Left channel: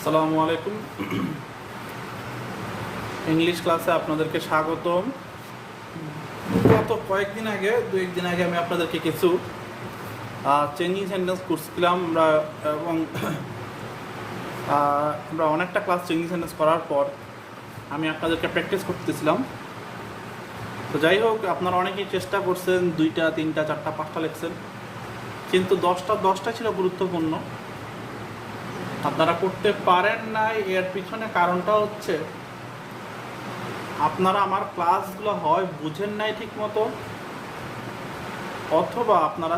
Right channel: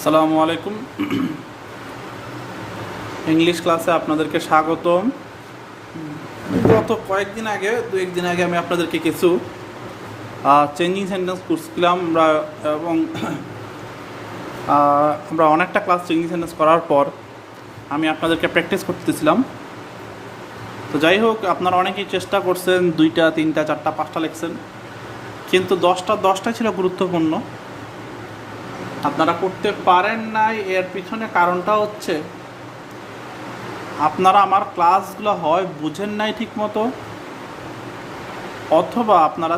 আসসালামু আলাইকুম। ইংলিশ ক্লাসে আপনাদেরকে স্বাগতম। গত দু একদিন আগে আমি আপনাদেরকে কিছু চেঞ্জিং সেন্টেন্স করছিলাম এবং আমরা অনেকটা ক্লাস চেঞ্জিং সেন্টেন্স করার পর আমি আপনাদেরকে প্র্যাকটিস করতেছিলাম। তো যাই হোক, আপনারা অনেকেই চেষ্টা করছেন, 2টা 3টা 4টা 5টা লিখছেন, কিন্তু 10টা ছিল গুরুত্বপূর্ণ। আপনারা করতে পারেন নাই, এর পিছনে কারণটা হচ্ছে আপনারা আমার ক্লাসগুলো হয় বুঝেন নাই ঠিক মতো, অথবা আপনারা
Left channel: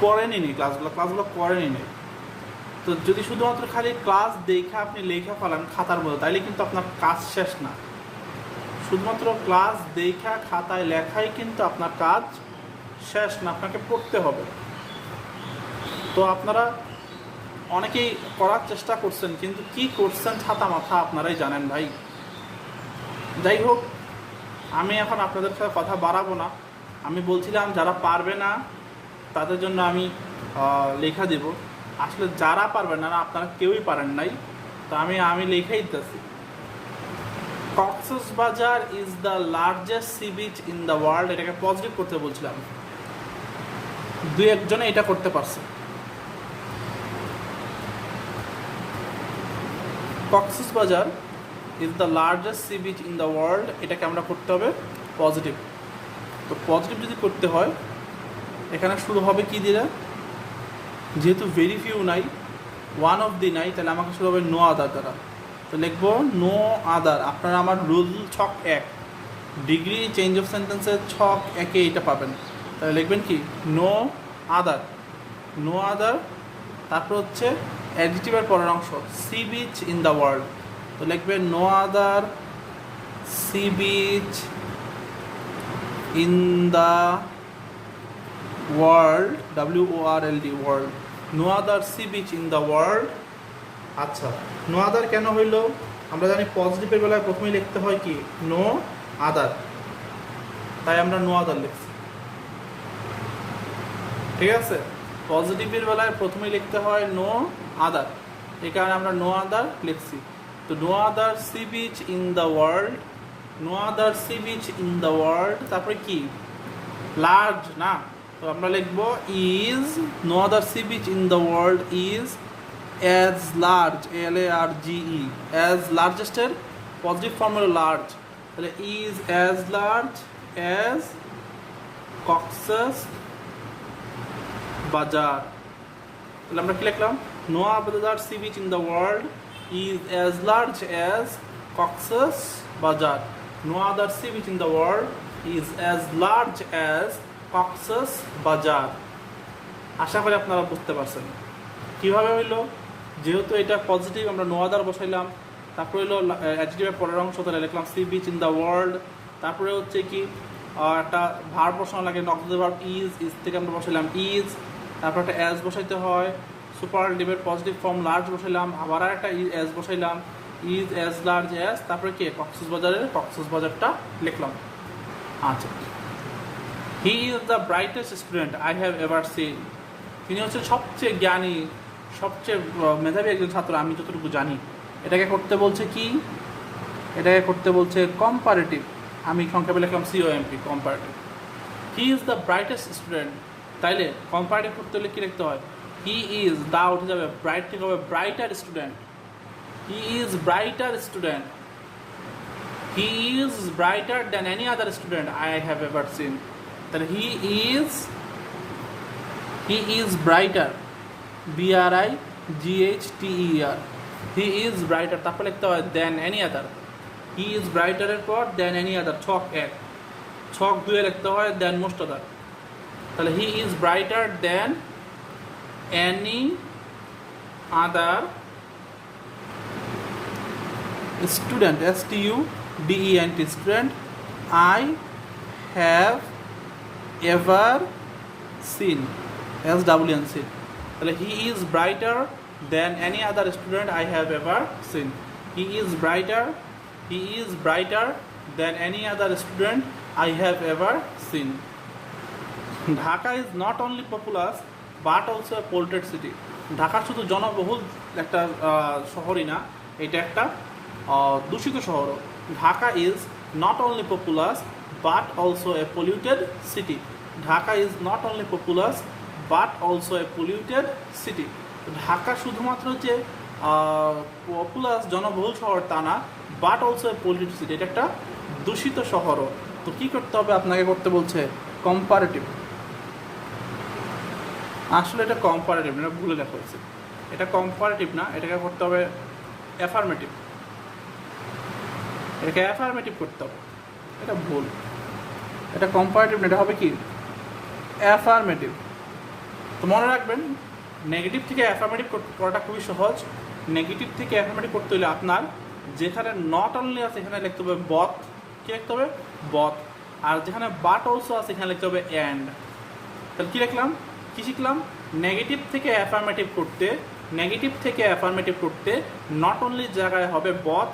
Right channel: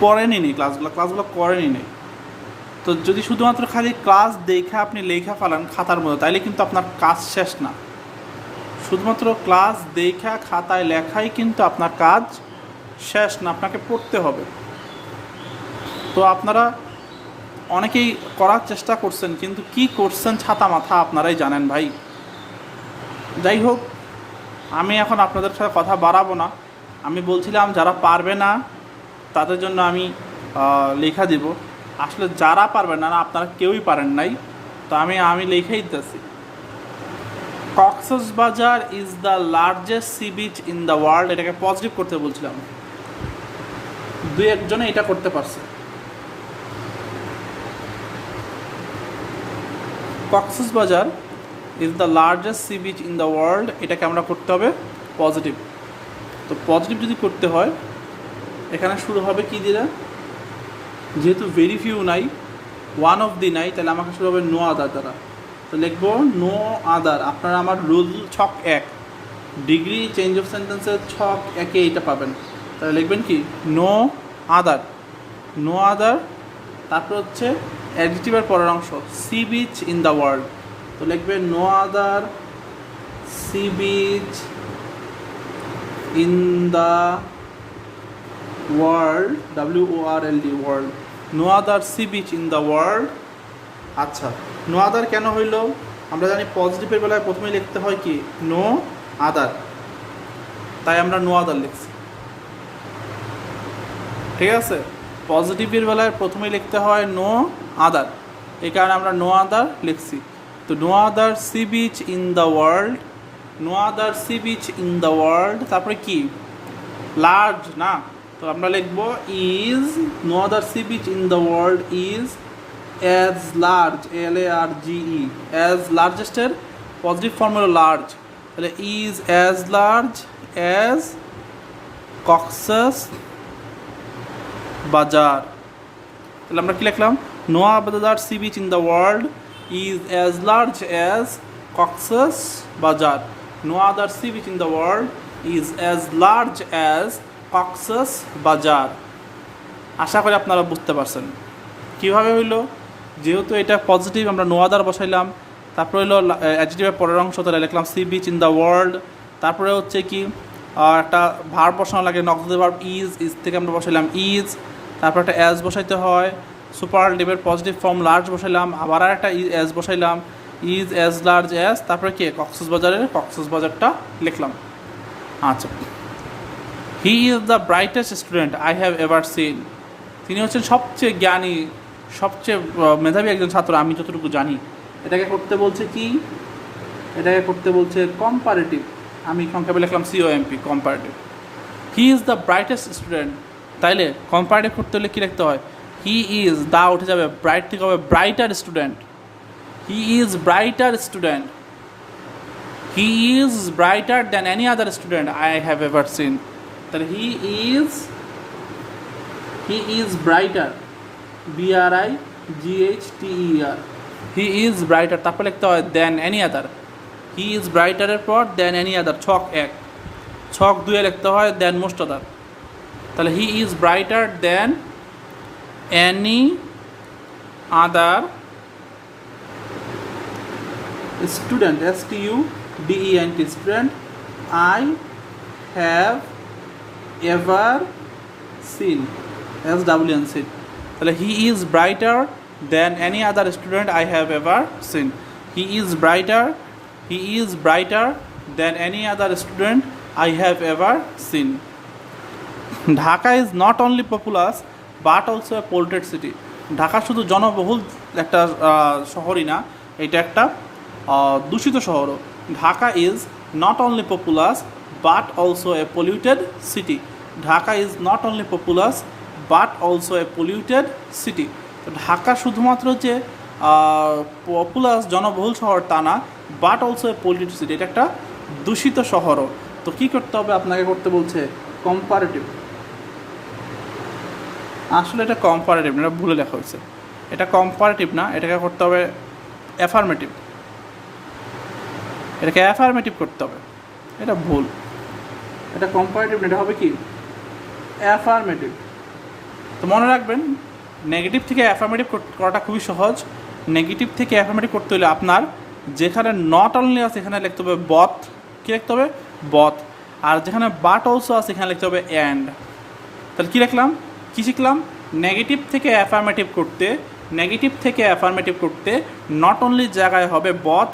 পড়েনি ক্লাসগুলো করেনি নি। তো যদি শুধুমাত্র খালি ক্লাস দেখে আপনি লেখা ফেলান খাতার মধ্যে, তাইলে কিন্তু আপনার কাজ শেষ না। শুধুমাত্র ক্লাস দেখা খাতায় লেখাই কিন্তু আপনার কাজ শেষ না, আপনাকে পড়তে হবে। তো আপনারা অনেকেই করার চেষ্টা করছেন, কিন্তু কি করছেন ছাতা মাথা আপনারাই জানেন ভাই। যাই হোক, আমি এখন আপনাদের সাথে কথা বাড়াবো না। আমি বলছিলাম যারা পারবে না তাদের জন্য আমি লেখা দিব। আসলে যারা পারবে না, আপনারা কেউই পারেন নাই, তো আমি লেখাই দিতেছি। Cox's Bazar is the largest C beach in the world. এটাকে পজিটিভ করতে বলছিলাম, দু একজনে এটা করতে পারছে। Cox's Bazar is the largest C beach in the world, এটাকে আমরা করতে হবে পজিটিভ। তো পজিটিভ যদি করতে হয়, এখানে শুরু হবে কি দিয়ে? যেহেতু ভেরি ফিউ নাই, ওয়ান অফ দি নাই, তাহলে আমাকে শুরু হবে নো আদার দ্বারা। তো লিখবো নো আদার। আপনারা আমার রুল ছক 1 ডিগ্রি চেঞ্জ অফ সেন্টেন্সের ছক 1-এ এটা পাবেন। তাহলে লিখবেন কি? নো আদার। নো আদার, তারপর হচ্ছে অ্যাডজেক্টিভের পরের অংশ sea beach in the world. তো লিখবেন no other sea beach in the world, WORLD, world. No other sea beach in the world. আচ্ছা, নো আদার কেন হইল? আমরা জানি পজিটিভের বেলায় প্রথমেই লিখতে হয় কি? No other. তাই আমরা নো আদার লিখছি, ঠিক আছে? পজিটিভের বেলায় প্রথমেই লিখতে হয় নো আদার, এই কারণে আমরা নো আদার লিখছি। তো no other sea beach in the world, no other sea beach in the world. তারপরে কি? লার্জ না, তো আমরা লিখবো is. No other sea beach in the world is as large, LARGE, as লার্জেস্টের পজিটিভ ফর্ম হলো লার্জ। তাহলে is as large as Cox's Bazar. তাহলে আমরা কি লিখলাম? No other sea beach in the world is as large as Cox's Bazar. No other sea beach in the world is as large as Cox's বাজার। আশা করি আপনারা বুঝতে পারছেন কীভাবে হইলো। যেহেতু এটা পজিটিভ, আমরা নো আদার বসাইলাম, তারপরে হলো অ্যাডজেক্টিভের পরের অংশ, তাহলে লিখলাম C beach in the world. তারপরে হচ্ছে কি একটা ভার্ব বসানো লাগে, নক্সিভ ভার্ব ইজ থেকে আমরা বসাইলাম ইজ। তারপর একটা অ্যাজ বসাইতে হয়, সুপারলেটিভের পজিটিভ ফর্ম লার্জ বসাইলাম, আবার একটা অ্যাজ বসাইলাম, ইজ অ্যাজ লার্জ অ্যাজ। তারপরে কি? কক্সবাজারটা লিখলাম। আচ্ছা, he is the brightest student I have ever seen. তিনি হচ্ছেন সবচেয়ে জ্ঞানী, সবচেয়ে মেধাবী একজন ছাত্র আমি যতটুকু জানি। এটাকে করতে বলছে কি? এটাকে করতে বলছে কম্পারেটিভ। আমি সংক্ষেপে লিখলাম COMP, comparative. He is the brightest student. তাইলে কম্পারেটিভ করতে হলে কী লিখতে হয়? হি ইজ, দা উঠে যাবে, ব্রাইট থেকে হবে brighter student. He is brighter student. He is brighter than any other student I have ever seen. তাহলে he is brighter, BRIGHTER। He is brighter, তারপর লিখতে হয় দেন এনি আদার। হি ইজ ব্রাইটারের পর দেন any আদার, ছক 1। ছক 2-এ লিখতে হয় দেন মোস্ট আদার। তাহলে he is brighter than any other student, STUDENT, student I have ever seen, SWN, seen. তাহলে he is brighter than any other student I have ever seen. He is brighter than any other student I have ever seen. Dhaka is not only populous but also a polluted city. Dhaka শুধু জনবহুল একটা শহরই না, এটা একটা দূষিত শহরও। Dhaka is not only populous but also a polluted city. Dhaka is not only populous but also a polluted city. Dhaka শুধুমাত্র যে পপুলাস জনবহুল শহর তা না, but also a polluted city, এটা একটা দূষিত শহরও। তো কী করতে হবে আপনাকে? করতে বলছে কম্পারেটিভ। আসলে এটা কম্পারেটিভ না, এটা ভুলে লেখা হয়েছে। এটা কম্পারেটিভ না, এটাকে করতে হবে অ্যাফার্মেটিভ। এটাকে অ্যাফার্মেটিভ করতে হবে, এটা ভুল। এটা কম্পারেটিভ না, এটা হবে কি অ্যাফার্মেটিভ। তো মনে রাখবেন, নেগেটিভ থেকে অ্যাফার্মেটিভ করাটা খুবই সহজ। নেগেটিভ থেকে অ্যাফার্মেটিভ করতে হলে আপনার যেখানে নট অনলি আছে এখানে লিখতে হবে বথ। কী লিখতে হবে? বথ। আর যেখানে বাট অলসো আছে এখানে লিখতে হবে অ্যান্ড। তাহলে কী লিখলাম, কী শিখলাম? নেগেটিভ থেকে অ্যাফার্মেটিভ করতে, নেগেটিভ থেকে অ্যাফার্মেটিভ করতে নট অনলি জায়গায় হবে বথ,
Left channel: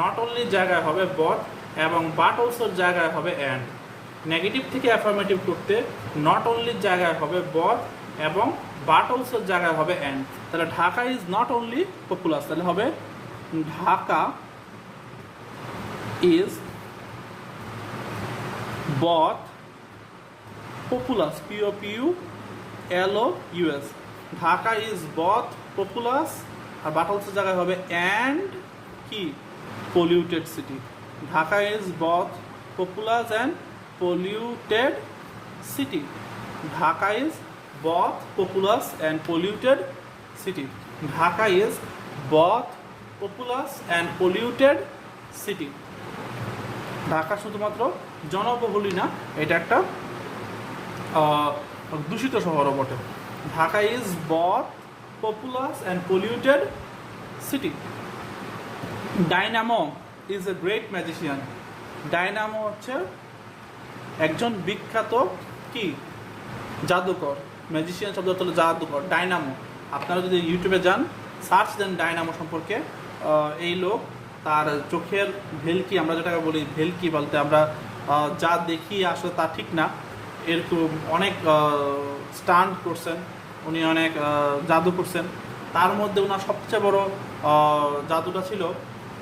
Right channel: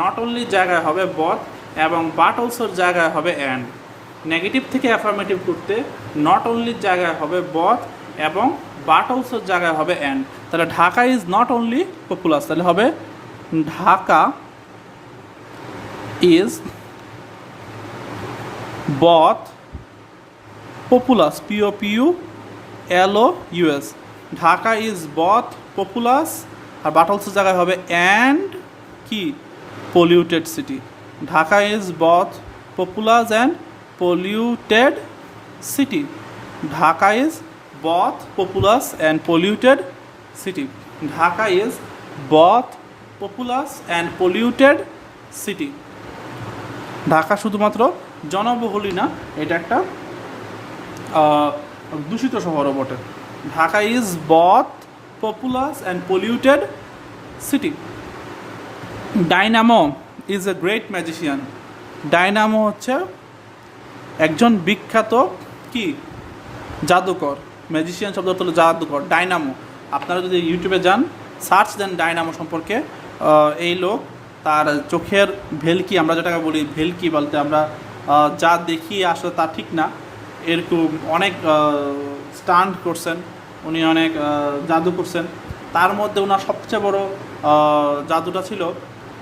নট অনলি জায়গায় হবে বথ, এবং বাট অলসোর জায়গায় হবে অ্যান্ড। নেগেটিভ থেকে অ্যাফার্মেটিভ করতে নট অনলি জায়গায় হবে বথ এবং বাট অলসোর জায়গায় হবে অ্যান্ড। তাহলে Dhaka is not only populous, তাহলে হবে Dhaka is both populous, POPULOUS। Dhaka is both populous, আর বাট অলসোর জায়গায় হবে অ্যান্ড কি polluted city. Dhaka is both populous and polluted city. Dhaka is both populous and polluted city. Dhaka is both populous and polluted city. Dhaka শুধুমাত্র জনবহুলই না, এটা একটা দূষিত শহরও বটে। Dhaka is both populous and polluted city. Dynamo is a great magician. Dynamo হচ্ছে একজন বিখ্যাত কি জাদুকর। ম্যাজিশিয়ান শব্দ হলো জাদুকর। ডায়নামো, আপনারা যদি ইউটিউবে যান সার্চ দেন ডায়নামো সম্পর্কে, এই লোক তার চোখের ভেলকি, আমরা যেটাকে বলি ভেলকি বলতে আমরা যা দেখি আসলে তা ঠিক না, এরকম অনেক স্টান্ট করছেন উনি, অনেক জাদু করছেন। তার মধ্যে ওনার সবচেয়ে বড় জাদুটা ছিল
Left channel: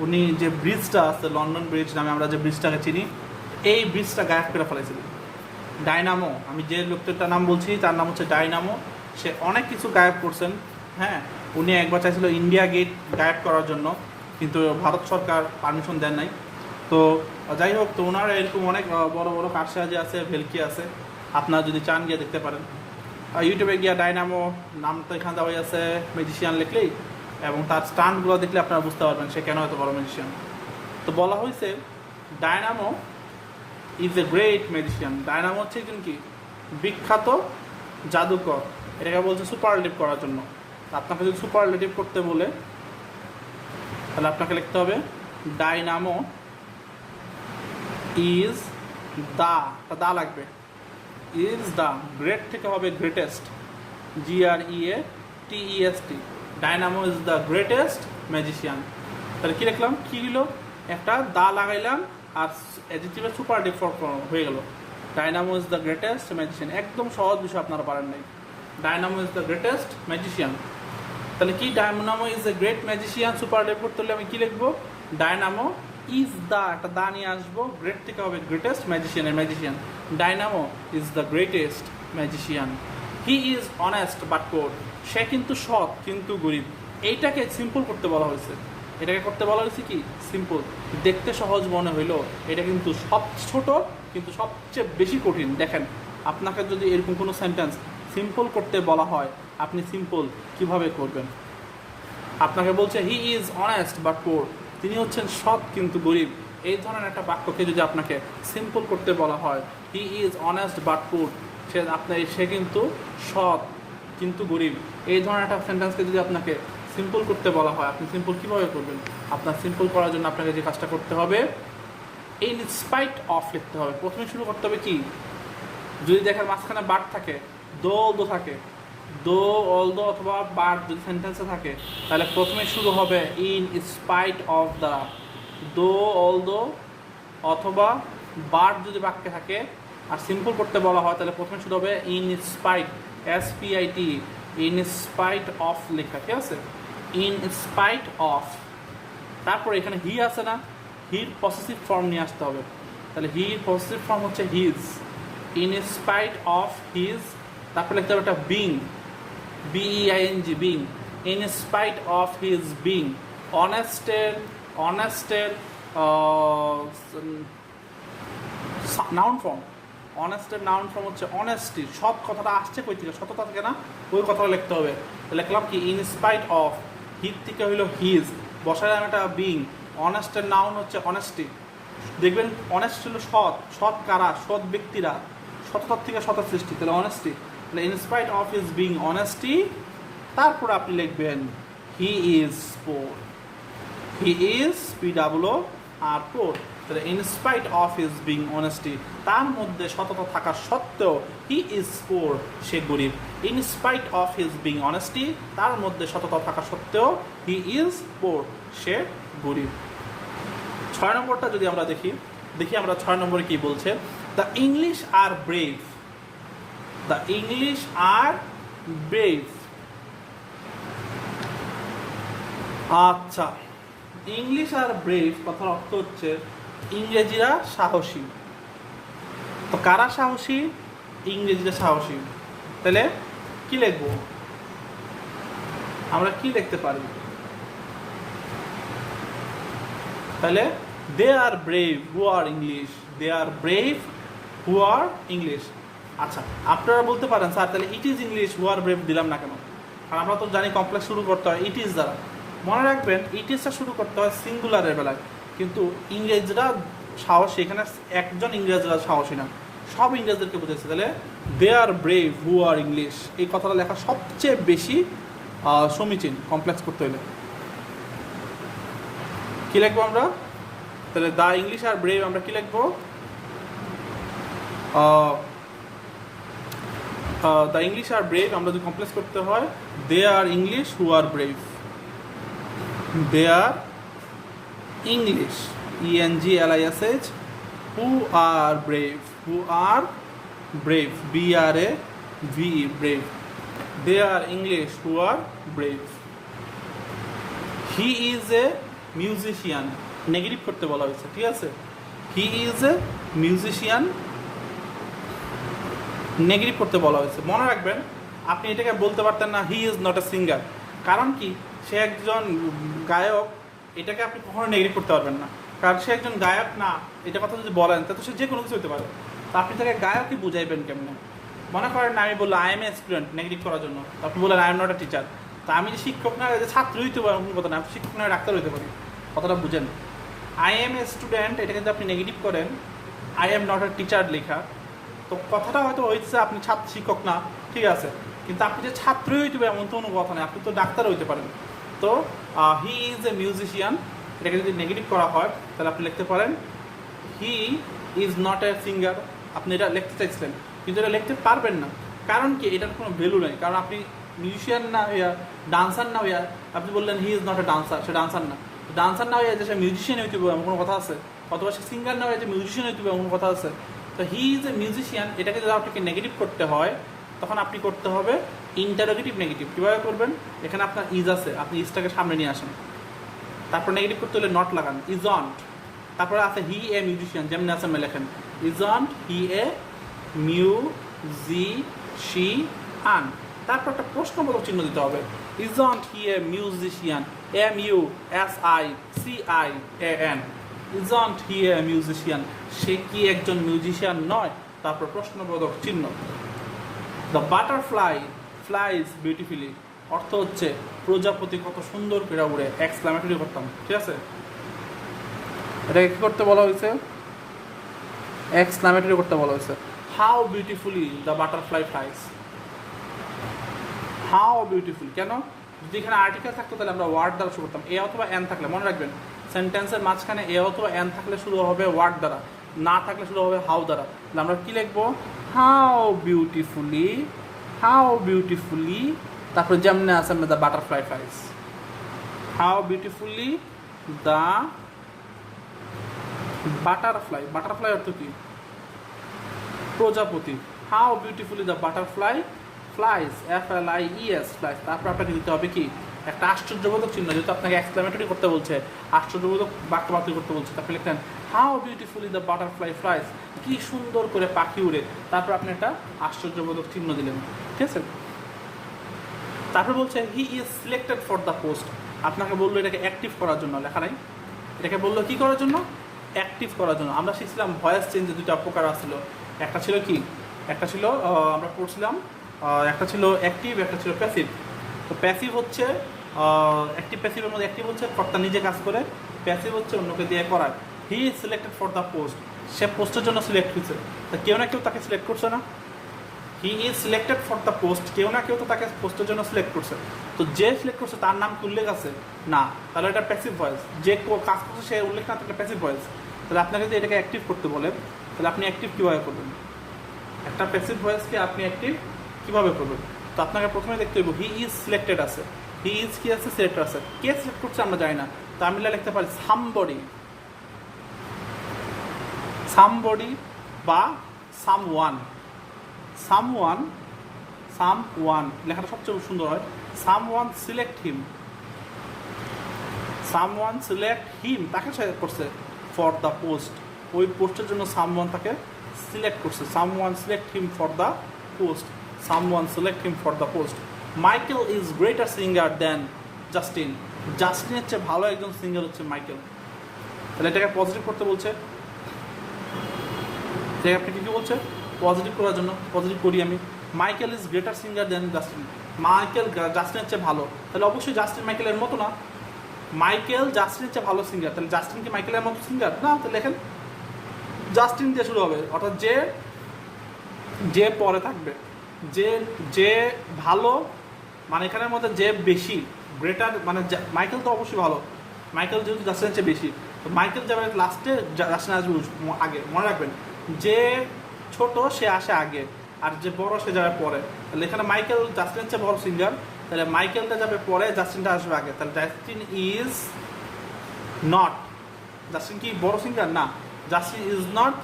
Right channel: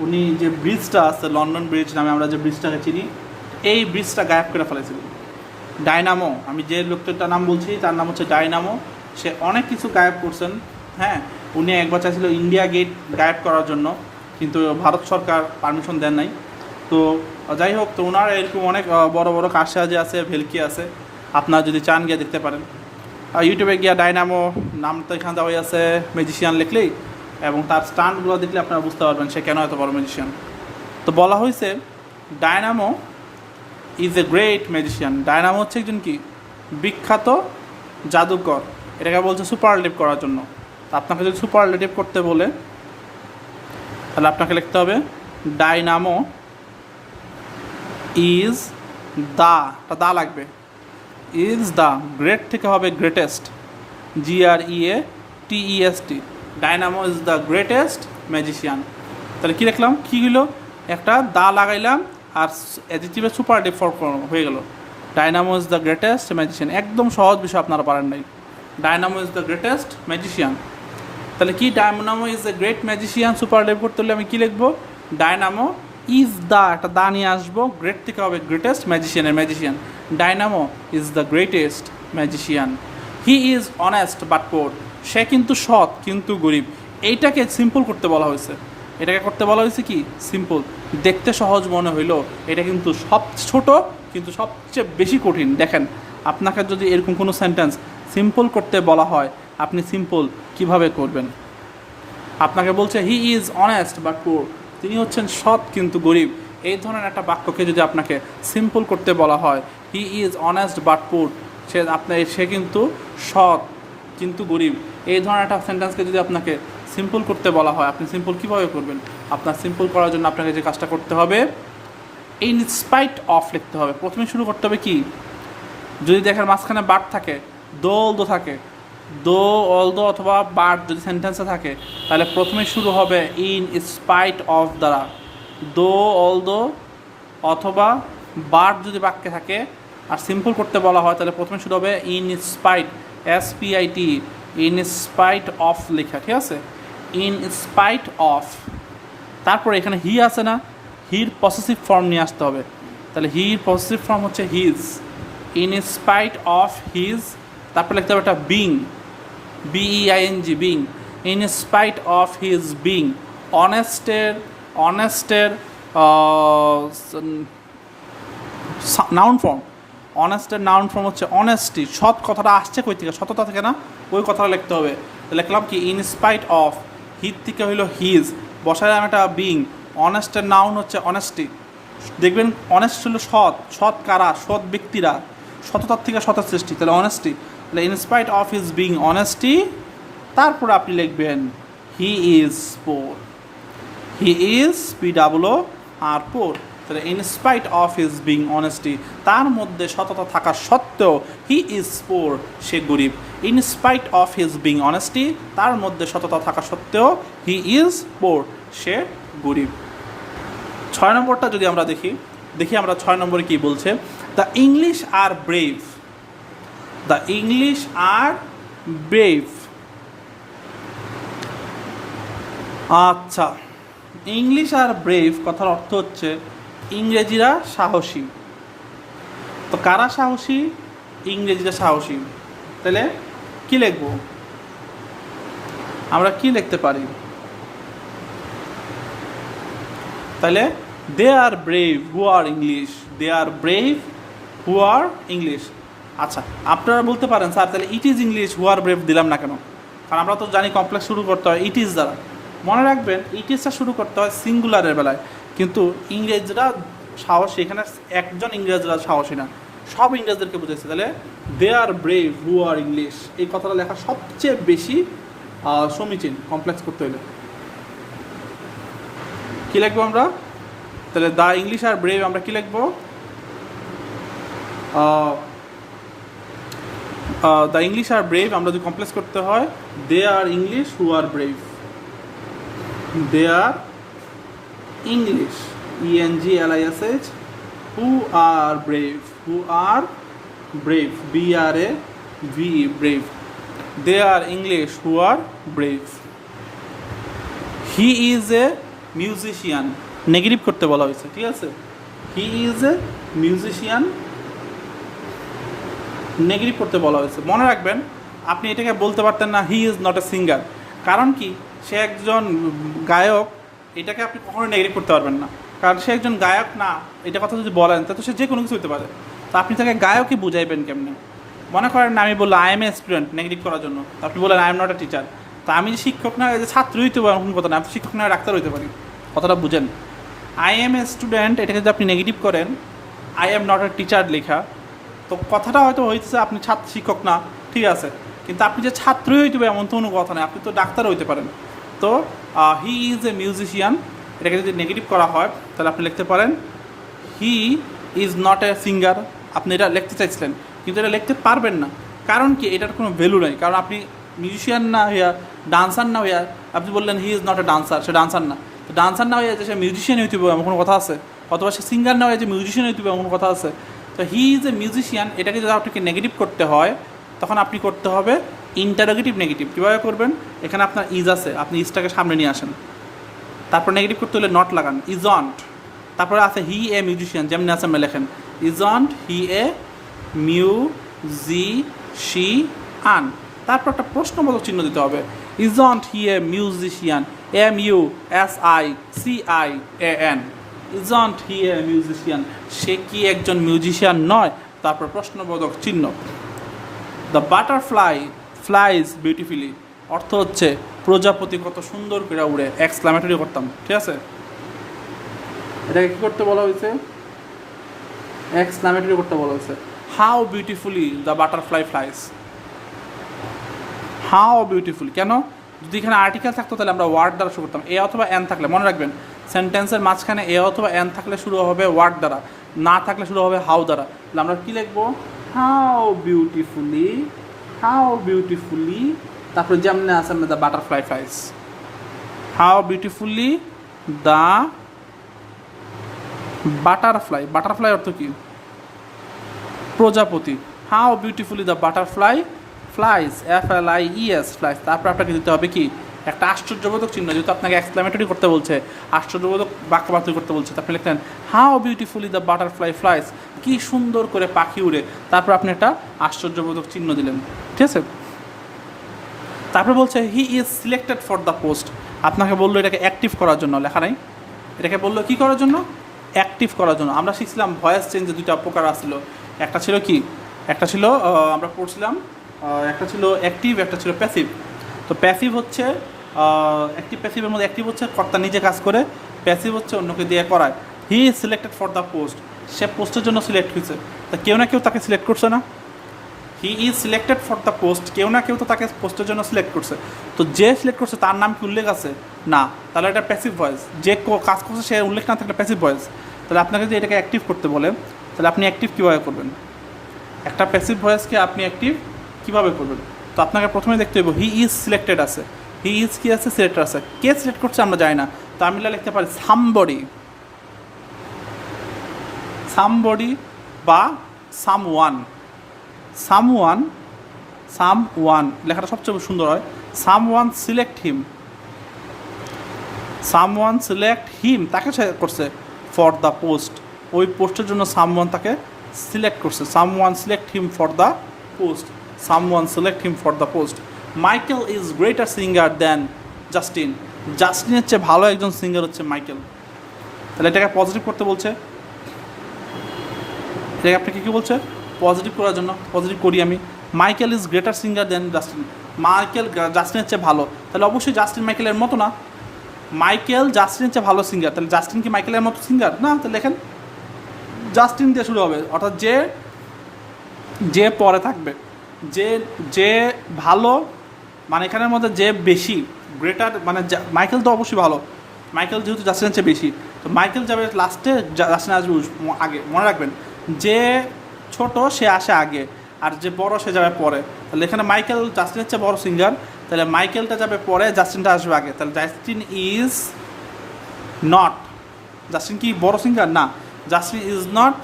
উনি যে ব্রিজটা আছে, লন্ডন ব্রিজ নামে আমরা যে ব্রিজটাকে চিনি, এই ব্রিজটা গায়েব করে ফেলেছিলেন। ডায়নামো, আমি যে লোকটার নাম বলছি তার নাম হচ্ছে ডায়নামো। সে অনেক কিছু গায়েব করছেন। হ্যাঁ, উনি একবার চাইছিল ইন্ডিয়া গেট গায়েব করার জন্য, কিন্তু ভারত সরকার পারমিশন দেন নাই। তো যাই হোক, তো ওনার এরকম অনেক বড় বড় কারসাজি আছে, ভেলকি আছে, আপনারা যদি চান গিয়ে দেখতে পারেন। ইউটিউবে গিয়া ডায়নামো নামটা এখানে দেওয়া আছে, ম্যাজিশিয়ান লিখলেই, এবং তার স্টান্টগুলো দেখলে আপনারা বুঝতে পারবেন সে কেন এত বড় ম্যাজিশিয়ান। তো বলা হয়েছে Dynamo is a great magician. Dynamo হচ্ছে একজন কি বিখ্যাত জাদুকর। এটাকে বলছে সুপারলেটিভ করার জন্য। আপনাকে যদি সুপারলেটিভ করতে বলে তাহলে আপনাকে লিখতে হবে ডায়নামো ইজ দা লাগবে, ইজ দ্য, গ্রেট থেকে হবে greatest, GREATEST। Dynamo is the greatest magician. তাহলে কী লিখলাম, কী হলো, একটা দা লাগাইলাম আর অ্যাডজেক্টিভে সুপারলেটিভ ফর্ম হয়ে গেল। Dynamo is the greatest magician. একদম সহজ বিষয়, আপনারা পারেন নাই। Dynamo is the greatest magician. তাহলে কি, Dynamo is the great magician superlative করতে হলে আমি কী লিখবো? ডায়নামো ইজ দ্য, একটা দা নিয়ে আসবো, গ্রেট থেকে হবে গ্রেটেস্ট ম্যাজিশিয়ানের magician. Dynamo is the greatest magician. He is honest but poor. সে কিন্তু সৎ কিন্তু গরিব। এইটাকে সিম্পল করতে বলা হয়েছে। এটাকে করতে বলা হয়েছে কি সিম্পল। দেখতে সহজ মনে হইলো, এটা কিন্তু সব ছোট কিন্তু সবচেয়ে বেশি কঠিন। দেখেন, আপনাকে যদি এরকম কোনো সেন্টেন্স সিম্পল করতে বলা হয়, আপনি সিম্পল কিভাবে করবেন? আপনাকে বলছে হি ইজ অনেস্ট বাট পোর, তিনি হচ্ছেন সৎ কিন্তু গরিব। এই ধরনের একটা বাক্যকে যদি আপনাকে সিম্পল করতে বলা হয়, হি ইজ অনেস্ট বাট পোর, সে কিন্তু সৎ কিন্তু গরিব, এই ধরনের একটা সেন্টেন্সকে যদি আপনাকে সিম্পল করতে বলা হয়, আপনি সিম্পল কীভাবে করবেন? আপনার সিম্পল করার জন্য আপনাকে যে কাজটা করতে হবে, ইন স্পাইট অফ লিখতে হবে। প্রথমে শুরু করতে হবে কি, যদি দেখেন মাঝখানে বাট থাকে, দো থাকে, অলদো অথবা বাট যদি সেন্টেন্সে থাকে, তাহলে প্রথমে শুরু হবে ইন স্পাইট অফ দ্বারা। অলদো অথবা বাট যদি বাক্যে থাকে আর সিম্পল করতে বলা হয়, তাহলে প্রথমে শুরু হবে in spite, SPIT, in spite of লেখা, ঠিক আছে? ইন স্পাইট অফ, তারপরে এখানে হি আছে না, হির পসেসিভ ফর্ম নিয়ে আসতে হবে। তাহলে হির পসেসিভ ফর্ম হচ্ছে his, in spite of his, তারপরে লিখতে হবে একটা being, B E I N G, being, in spite of his being. অনেস্টের নাউন ফর্ম, অনেস্টের নাউন ফর্ম হচ্ছে অনেস্টি। সৎ কথাটা আসছে কই থেকে? সততা থেকে না? ওই কথাটা লিখতে হবে। লিখলাম কি? ইন স্পাইট অফ, হিজ থেকে হইল হিজ, বসায় আমি একটা বিং। অনেস্টের নাউন হচ্ছে অনেস্টি। দেখবেন অনেস্ট হলো সৎ, সৎ কারা? সৎ ব্যক্তিরা, সততার থেকে সতের সৃষ্টি, তাহলে অনেস্টি। তাহলে in spite of his being honesty, তারপর আপনি লিখবেন he is poor, he is POOR পোর। তাহলে in spite of his being honesty, তার মধ্যে সততা থাকা সত্ত্বেও হি ইজ পোর, সে গরিব। In spite of his being honesty, তার মধ্যে সততা থাকা সত্ত্বেও হি ইজ পোর, সে গরিব। 6 নম্বরটা যদি আমরা দেখি আমরা 6 নম্বরে কী বলছে? The English are brave, the English are brave. আচ্ছা, ইংলিশ আর ব্রেভ কথার অর্থ হচ্ছে ইংরেজিরা সাহসী। তো কারা সাহসী? ইংরেজিরা সাহসী। তাহলে কি লিখব? আমরা কি লিখতে পারি? তাহলে they are brave who are English, they are brave who are English. আচ্ছা, আপনারা বলতে পারেন স্যার তাহলে it is English who are brave দিলাম না কেন? কারণ আমরা তো জানি কমপ্লেক্স শুরু করতে হয় ইট ইজ দ্বারা। মনে রাখবেন ইট ইজটা শুরু করতে হয় সিঙ্গুলারের বেলায়, কিন্তু ইংরেজরা সাহসী, এখানে একজন ইংরেজরা সাহসী না, সব ইংরেজদেরকে বুঝেছে। তাহলে they are brave who are English, এই কথাটা লেখা সবচেয়ে বেশি সমীচীন কমপ্লেক্স করতে হলে। কী লিখবো আমরা? তাহলে দ্য ইংলিশ আর ব্রেভ আমরা কী লিখবো? দ্য ইংলিশ আর ব্রেভ আমরা যদি কমপ্লেক্স করতে হয় they are English who are brave, they are English ENGLISH who are brave, who are brave BRAVE, brave. They are English who are brave. He is a musician, negative করতে বলা হয়েছে, ঠিক আছে? He is a musician, negative করতে বলা হয়েছে। মনে রাখবেন আপনি এটাকে বলতে পারতেন না he is not a singer, কারণ কি? সে একজন গায়ক, এটাকে আপনি কখনো নেগেটিভ করতে পারবেন না, কারণ সে একজন গায়ক না। এটা কথা যদি বলেন তা তো সে যে কোনো কিছু হতে পারে। তো আপনি তাকে গায়কই বুঝাইবেন কেমনি? মনে করেন আমি বললাম I M a student, negative করার জন্য, আপনি বললেন I am not a teacher. তো আমি যে শিক্ষক না, যে ছাত্র হইতে পারি এমন কথা না, আপনি শিক্ষক না ডাক্তার হইতে পারি, কথাটা বুঝেন। আই এম এ স্টুডেন্ট এটাকে যদি আপনি নেগেটিভ করেন, I am not a teacher লেখা, তো কথাটা হয়তো হয়েছে আপনি ছাত্র শিক্ষক না, ঠিক আছে, কিন্তু আপনি যে ছাত্রই হইতে পারে এমন তো কোনো কথা নেই, আপনি তো ডাক্তার হইতে পারেন। তো হি ইজ এ মিউজিশিয়ান, এটাকে যদি নেগেটিভ করা হয় তাহলে আপনি লিখতে পারেন he is not a singer. আপনি এটা লিখতে চাইছিলেন কিন্তু এটা লিখতে পারবেন না, কারণ কি? এটার কোনো ভ্যালু নেই, কারণ আপনি মিউজিশিয়ান না হইয়া, ডান্সার না হইয়া আপনি বললেন he is not a dancer, say dancer না। ডান্সার না হইয়া যে সে মিউজিশিয়ান হইতে হবে এমন কোনো কথা আছে? অথবা সে সিঙ্গার না হয়ে যে মিউজিশিয়ান হইতে হবে এমন কোনো কথা আছে? তো হি ইজ এ মিউজিশিয়ান, এটাকে যদি আপনাকে নেগেটিভ করতে হয় তখন আপনি করতে হবে ইন্টারোগেটিভ নেগেটিভ। কীভাবে করবেন? এখানে আপনার ইজ আছে, আপনি ইজটাকে সামনে নিয়ে আসেন, তারপর নেগেটিভ করতে হলে নট লাগান, ইজন্ট। তারপরে আছে হি এ মিউজিশিয়ান, যেমনি আছে আমি লেখেন ইজন্ট হি এ মিউজিশিয়ান। তারপর একটা প্রশ্নবোধক চিহ্ন দিতে হবে, isn't he a musician, MUSICIAN, isn't he a musician, সে কি একজন মিউজিশিয়ান নয়? তারপর প্রশ্নবোধক চিহ্ন। দ্য বাটারফ্লাই ফ্লাইজ বিউটিফুলি, অর্থ হচ্ছে প্রজাপতি কত সুন্দর করে উড়ে, এক্সক্লামেটরি করতাম, ঠিক আছে? এটাকে কী করতে বলা হয়েছে? এক্সক্লামেটরি করতে বলা হয়েছে। How beautifully the butterfly flies, how beautifully. কেন? যদি এখানে আর্টিকেল থাকতো তাহলে আমরা ওয়ার্ড দ্বারা শুরু করতাম, এ অথবা এন থাকলে। মনে রাখবেন সেন্টেন্সের মাঝখানে এ অথবা এন থাকলে শুরু হবে ওয়ার্ড দ্বারা, না থাকলে শুরু হবে হাউ দ্বারা। তাহলে আমরা কী লিখবো? হাউ বিউটিফুলি, হাউ বিউটিফুলি, তারপরে যেমনি আছে আমরা the butterfly flies, how beautifully the butterfly. Butterfly অর্থ কি? প্রজাপতি। How beautifully the butterfly fly. Flies, FLIES flies, তারপর আপনাকে দিতে হবে কি একটা আশ্চর্যবোধক চিহ্ন, যেহেতু আপনাকে এক্সক্লামেটরি করতে বলছে, আশ্চর্যবোধক বাক্য বাতিল করতে বলছে, তারপরে লিখলেন how beautifully the butterfly flies, কী সুন্দর করে পাখি উড়ে, তারপর আপনি একটা আশ্চর্যবোধক চিহ্ন দিলেন, ঠিক আছে। তারপর বলছে হি is selected for the post, আপনাকে বললো এটাকে অ্যাক্টিভ করার জন্য, লেখা নাই, এটাকে বললো কী করার জন্য, অ্যাক্টিভ করার জন্য। আমরা শিখছিলাম ভয়েস চেঞ্জে দুইটা প্রকার আসছিল, একটা ছিল কি, একটা ছিল আমরা পড়ছিলাম একটা ছিল অ্যাক্টিভ, একটা ছিল প্যাসিভ। তো প্যাসিভ হচ্ছে অ্যাক্টিভ প্যাসিভের মধ্যে অ্যাক্টিভ হচ্ছে কর্তা নিজে কাজ করে, প্যাসিভ হচ্ছে অন্যকে দিয়ে করায়। He is selected for the post, সে পোস্টের জন্য সিলেক্ট হয়েছে, তা কেউ না কেউ তাকে সিলেক্ট করছে না। হি is selected for the post, কেউ না কেউ তো তাকে পোস্টের জন্য সিলেক্ট করছে, তো যে সিলেক্ট করছে তার নাম কি উল্লেখ আছে না, তাহলে এটা প্যাসিভ ভয়েস। যে কাজ করছে সে উল্লেখ না থাকলে প্যাসিভ ভয়েস। তাহলে আপনাকে যদি এটাকে অ্যাক্টিভ করতে বলেন, তাহলে আপনি অ্যাক্টিভ কীভাবে করবেন, একটা প্যাসিভ ভয়েসকে আপনি অ্যাক্টিভ কীভাবে করবেন। তো আপনাকে প্রথমে দেখতে হবে হি ইজ সিলেক্টেড আছে, হি ইজ কি আছে, সিলেক্টেড আছে, কে সিলেক্ট করছে আমরা জানি না, তো আমি লিখতে পারি সামবডি, সামবডি বা সামওয়ান, সামওয়ান, সামওয়ান লেখাটা সবচেয়ে সুন্দর হয়, সামওয়ান সিলেক্ট হিম, সামওয়ান সিলেক্ট হিম, তাকে সে করছে ফর দ্য পোস্ট, ওই পোস্টের জন্য সামওয়ান তাকে সিলেক্ট করছে, someone select him for the post, someone select him for the post. Michael is greater singer than Justin, জাস্টিনের চেয়ে ভালো একজন সিঙ্গার হচ্ছে মাইকেল। তাহলে এটাকে পজিটিভ করতে বলছে, এটাকে আপনাকে কী বলছে, পজিটিভ করার জন্য পজিটিভ করি আমি, Michael is greater singer than Justin, Michael জাস্টিনের চেয়ে ভালো, তাহলে অবশ্যই জাস্টিন মাইকেলের মতো না, মাইকেল জাস্টিনের চেয়ে ভালো সিঙ্গার, তাহলে জাস্টিন কি মাইকেলের মতো সিঙ্গার না, তাহলে লেখেন জাস্টিন দিয়ে শুরু হবে, অর্থাৎ যে যে পরে থাকবে, যে যে ভালো, মানে এখানের মধ্যে যে বেশি, গ্রেটার মানে মাইকেল তো অবশ্যই ভালো, মাইকেল যেহেতু জাস্টিনের চেয়ে বেশি, তো মাইকেল যাবে লাস্টে, জাস্টিন আসবে আগে, মনে রাখবেন যে ছোট সে আসে আগে, আর যে বড় সে যাবে পরে, তাহলে এখানে মাইকেল জাস্টিনের চেয়ে বড় সিঙ্গার, তাহলে মাইকেলটা যাবে পরে, জাস্টিনটা আসবে আগে, তাহলে জাস্টিন ইজ নট, জাস্টিন কি বড় সিঙ্গার না, Justin is not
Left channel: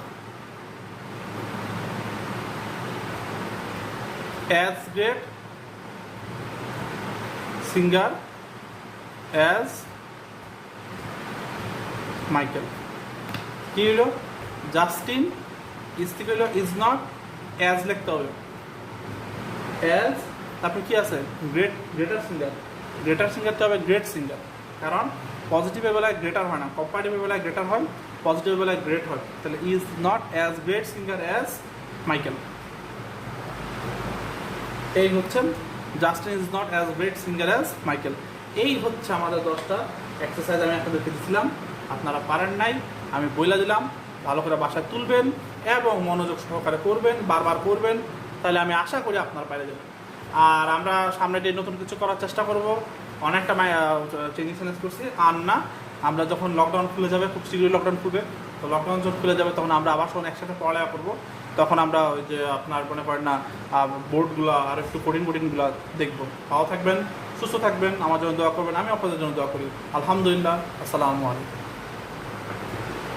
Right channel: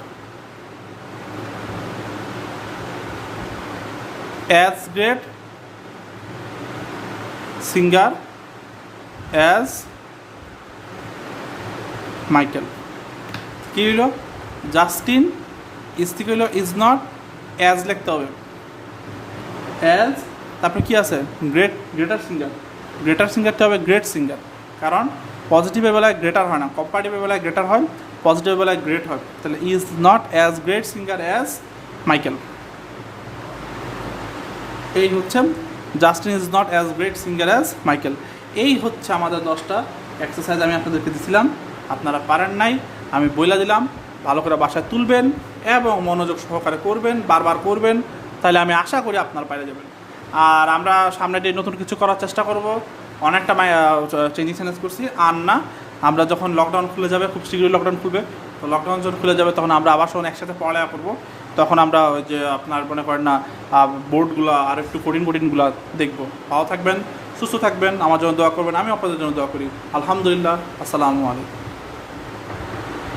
as great singer as Michael. কী হইল, জাস্টিন ইজ থেকে হইল ইজ নট, অ্যাজ লিখতে হবে, অ্যাজ, তারপরে কী আছে গ্রেটার সিঙ্গার, গ্রেটার সিঙ্গারটা হবে গ্রেট সিঙ্গার, কারণ পজিটিভের বেলায় গ্রেটার হয় না, কম্পারেটিভের বেলায় গ্রেটার হয়, পজিটিভের বেলায় গ্রেট হয়, তাহলে is not as great singer as Michael. এই হচ্ছে Justin is not as great singer as Michael. এই হচ্ছে আমাদের 10টা এক্সারসাইজ আমি আপনাদেরকে দিয়েছিলাম, আপনারা পারেন নাই, আমি বইলা দিলাম, ভালো করে বাসায় তুলবেন এবং মনোযোগ সহকারে করবেন, বারবার করবেন, তাহলে আমি আশা করি আপনারা পারে যাবেন। আর আমরা সামনে দিয়ে নতুন কিছু করার চেষ্টা করব, অনেকটা চেঞ্জিং চ্যালেঞ্জ করছি, আর না আমরা যখন লকডাউন খুলে যাবে, খুব শীঘ্রই লকডাউন খুলবে, তো লকডাউন যখন খুলে যাবে তখন আমরা আবার সব একসাথে পড়ালেখা করবো, তখন আমরা ওই যে আপনার মনে করেন না বোর্ডগুলো আর একটু কঠিনগুলো দেখবো। ভালো থাকবেন, সুস্থ থাকবেন, আমার জন্য দোয়া করবেন, আমি আপনাদের জন্য দোয়া করি। আলহামদুলিল্লাহ, আসসালামু আলাইকুম।